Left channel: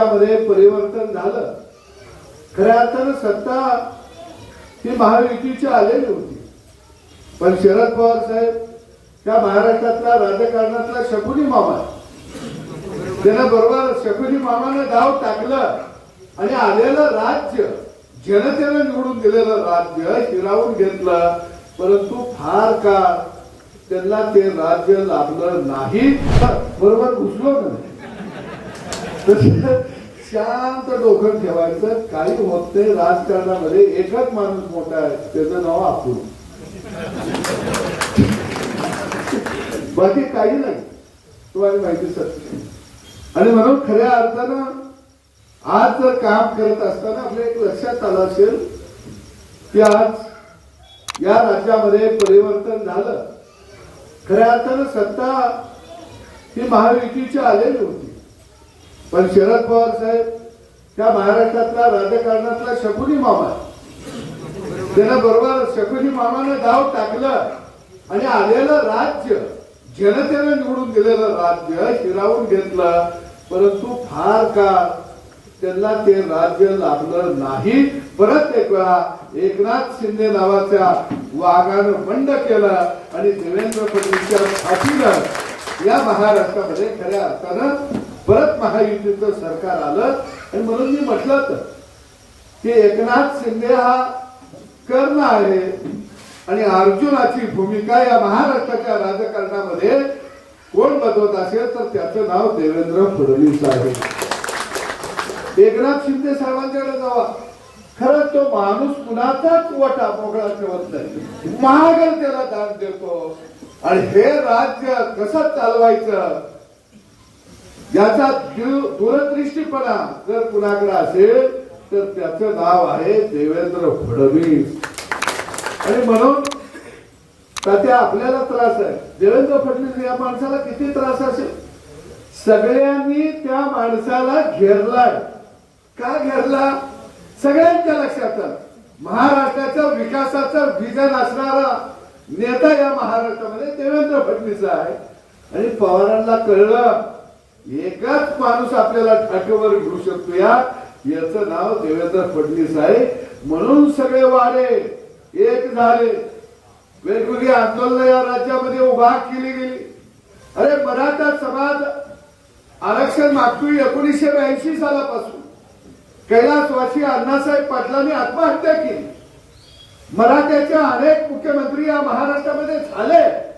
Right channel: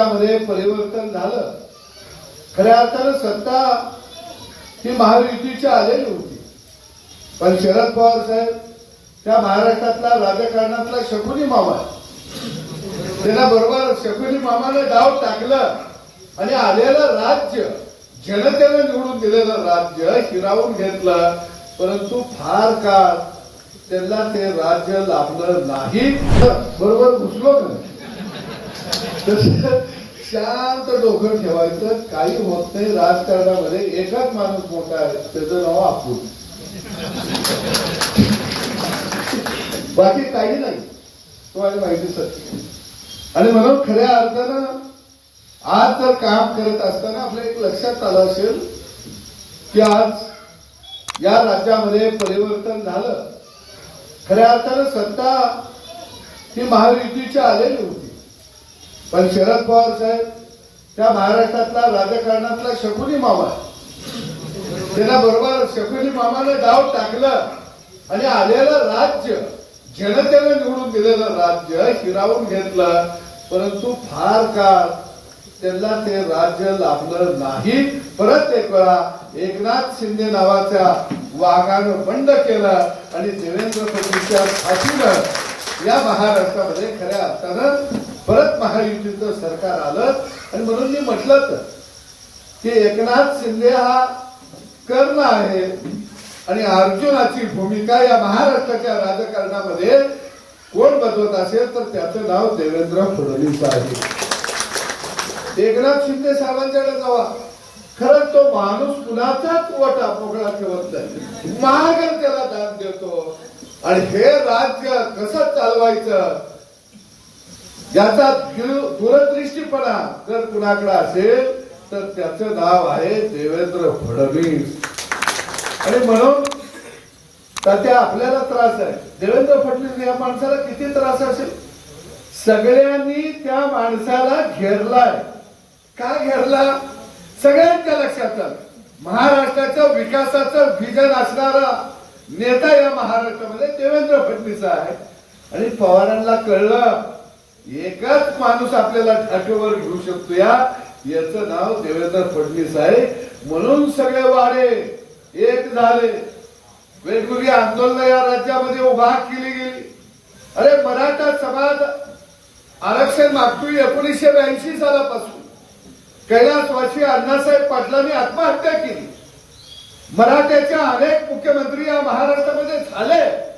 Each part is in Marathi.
समाजामध्ये परिवर्तन झालं खऱ्या अर्थानं सत्ता ही महायुतीची आलेली होती. पण शरद पवार साहेब त्या महाराष्ट्रातला राजकारणातला शकुनी मामा आहे. त्याला बरोबर शकुनी मामाने डाव टाकलं आणि आलेलं राज्य जनतेनं निवडून दिलेलं राज्य हिरावून घेतलं परंतु फार काळ त्यांना ते राज्य लाभलं नाही. बरोबर घुसलो नाही. शांत डोकं ठेवायचं. काही होत नाही. राजकारणामध्ये एकच माणूस मोठा आहे. त्याचं नाव अपूर बाकी काही नाही. तुम्हाला माहिती सत्य. आणि म्हणून खऱ्या अर्थानं आज जर काम करत असताना आपल्या एक लक्षात आलं असेल की आज या राज्यामध्ये परिवर्तन झालं. खऱ्या अर्थानं सत्ता ही महायुतीची आलेली होती. पण शरद पवार साहेब त्या महाराष्ट्रातला राजकारणातला शकुनी मामा. त्याला बरोबर शकुनी मामाने डाव टाकलं आणि आलेलं राज्य जनतेनं निवडून दिलेलं राज्य हिरावून घेतलं. परंतु फार काळ त्यांना ते राज्य लाभलं नाही. परत एक वेळा एकनाथ शिंदे नावाच्या वाघानं बंड केलं आणि देवेंद्र फडणवीसच्या फाशीनं या महाराष्ट्रामध्ये खऱ्या अर्थानं परत महायुतीचं सरकार आलं आणि म्हणून मी म्हटलं तर की एकनाथ शिंदे हा कर्ण आहे आणि अर्जुनाची भूमिका या महाराष्ट्राच्या राजकारणामध्ये कोण बजवत असेल तर त्याचं नाव देवेंद्र फडणवीस आहे. एकनाथ शिंदे साहेबांच्याकडे जावा. खरंच तो माणूस कुणाचाच वटा मोकळा ठेवत नाही. महागल त्याला दान देतो. आणि हे राज्य कसं चालवायचं? याचा दूरदृष्टीपणा जर कुणाकडे असेल तर त्याचं नाव आहे देवेंद्र फडणवीस. आणि म्हणून त्या आपल्याला त्रास आहे. देवेंद्र फडणवीस या माणसाला किती त्रास असेल? सगळ्यांनी त्या माणसाला घेरलाय. का घेरला? सगळ्यांच्या लक्षात महाराष्ट्राच्या विकासाचं विजन असणारा नेता या महाराष्ट्रामध्ये देवेंद्र फडणवीस आहे आणि पवारांना कळलं एकच माणूस आपल्याला ठाठेवर घेऊ शकतो या? याचं नाव देवेंद्र फडणवीस आहे. म्हणून सगळे वाडे एक झाले. वेगवेगळी आंदोलन या राज्यामध्ये उभा केली गेली. अरे मराठा समाज आरक्षण मागतोय एकोणीसशे ब्याऐंशी सालापासून. कैलासवासी अण्णासाहेब पाटलांनी आत्महत्या केली. मराठ्याच्या अनेक मुख्यमंत्री या महाराष्ट्रामध्ये झाले.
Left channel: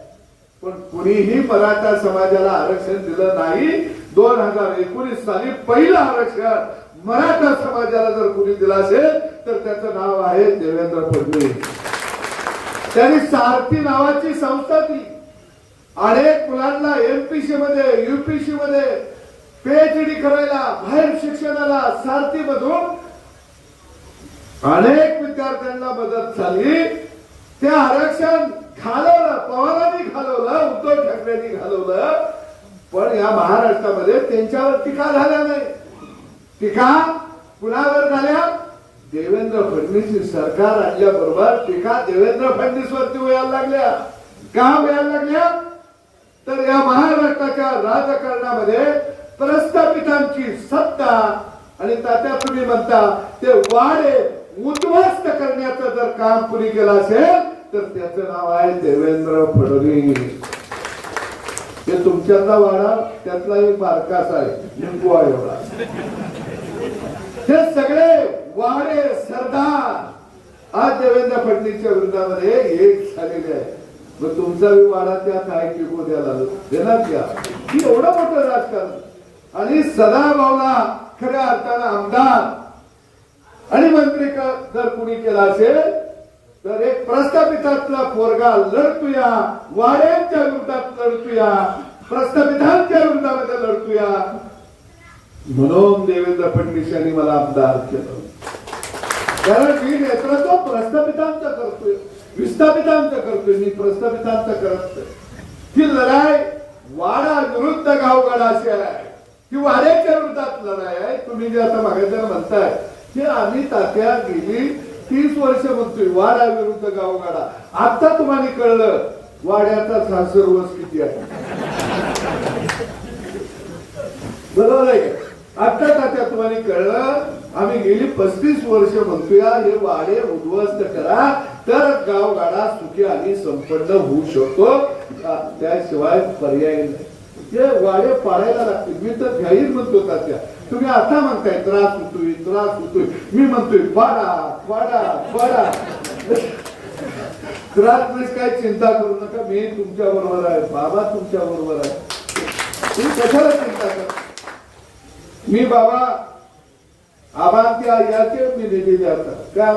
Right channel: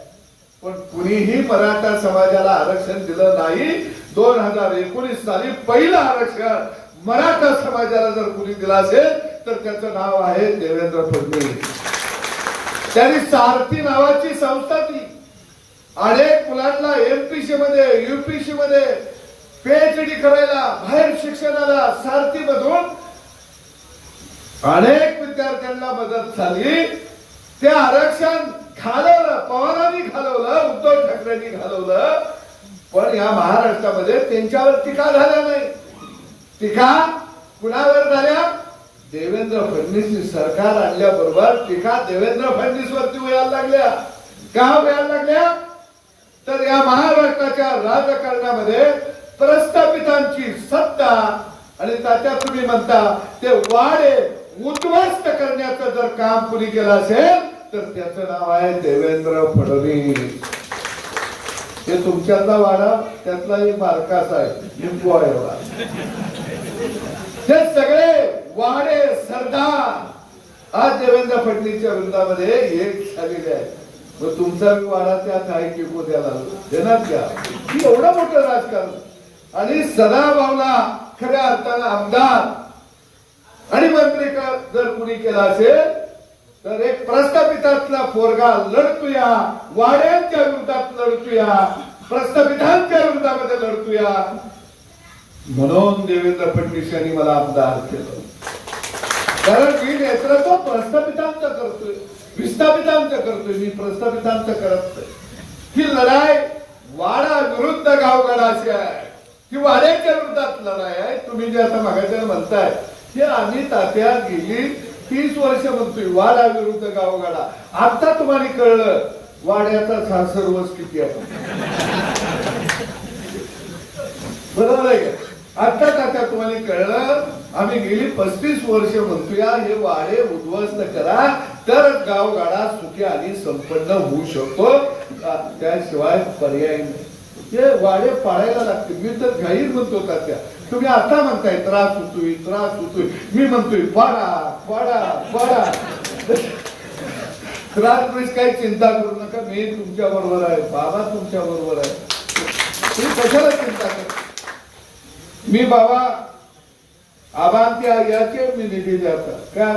पण कुणीही मराठा समाजाला आरक्षण दिलं नाही. दोन हजार एकोणीस साली पहिलं आरक्षण मराठा समाजाला जर कुणी दिलं असेल तर त्याचं नाव आहे देवेंद्र फडणवीस. त्यांनी सारथी नावाची संस्था ती. अनेक मुलांना एमपीसी मध्ये युपीसी मध्ये पीएचडी करायला बाहेर शिक्षणाला सारथी मधून अनेक विद्यार्थ्यांना मदत झाली. ते आरक्षण घालवलं पवारांनी घालवलं उद्धव ठाकरेंनी घालवलं. पण या महाराष्ट्रामध्ये त्यांच्यावर टीका झाल्या नाही. टीका कुणावर झाल्या? देवेंद्र फडणवीस सरकार आणल्याबरोबर टीका देवेंद्र फडणवीस वरती व्हायला लागल्या. का व्हायला लागल्या? तर या महाराष्ट्राच्या राजकारणामध्ये प्रस्थापितांची सत्ता आणि तात्या तुम्ही म्हणता ते वाडे उद्ध्वस्त करण्याचं जर काम कुणी केलं असेल तर त्याचं नाव आहे देवेंद्र फडणवीस. ते तुमच्यातला वाडा त्यातला एक बारकास आहे लिंबू आहे एवढा. हे सगळे वाडे सरदार. आज देवेंद्र फडणवीसच्या विरोधामध्ये एक झालेले आहे. मग तुमचा बी वाडा त्यात आहे टिकू को द्यायला देणार द्या ही? एवढं मोठं राजकारण. आणि सदाभावना खऱ्या अर्थानं आमदार आणि मंत्री जर कुणी केला असेल तर एक प्रस्थापितातला पोरगा लढतोया वाड्यांच्या विरोधात लढतोया प्रस्थापितांच्या विरोधामध्ये लढतोया. म्हणून देवेंद्र फडणवीस यांनी मला आमदार केलं. कारण मी नेतृत्व प्रस्थापितांचं करतोय विस्थापितांचं करतोय मी प्रस्थापितांचं करत ही लढाई वाडा विरुद्ध गावगाडाची आहे ही वाड्याच्या विरोधात लढाई आहे. तुम्ही जे आता मागायचं म्हणताय की आम्ही तात्या गेली तीस वर्ष म्हणतोय वाडा विरुद्ध गावगाडा. आता तुम्हाला कळलं वाड्याचा सासरवस किती आता बरोबर आहे? आता आता तुम्हाला कळलं? आम्ही गेली पस्तीस वर्ष म्हणतोया हे वाडे उद्ध्वस्त करा तर गावगाडा सुखी आणि संपन्न होऊ शकतो. त्याशिवाय पर्याय नाही. ते वाडे पाडायला लागते मी तर घाईर म्हणतो तात्या. तुम्ही आता म्हणताय त्रास होतोय त्रास होतोय. मी म्हणतोय पाडा पाडा पाडा त्रास म्हणजे काही चिंता करू नका. मी तुमच्या बरोबर आहे. बाबा तुमच्या बरोबर आहे. तुम्ही कशाला चिंता करता? मी बाबा आबांती याचे मी निधी देतात का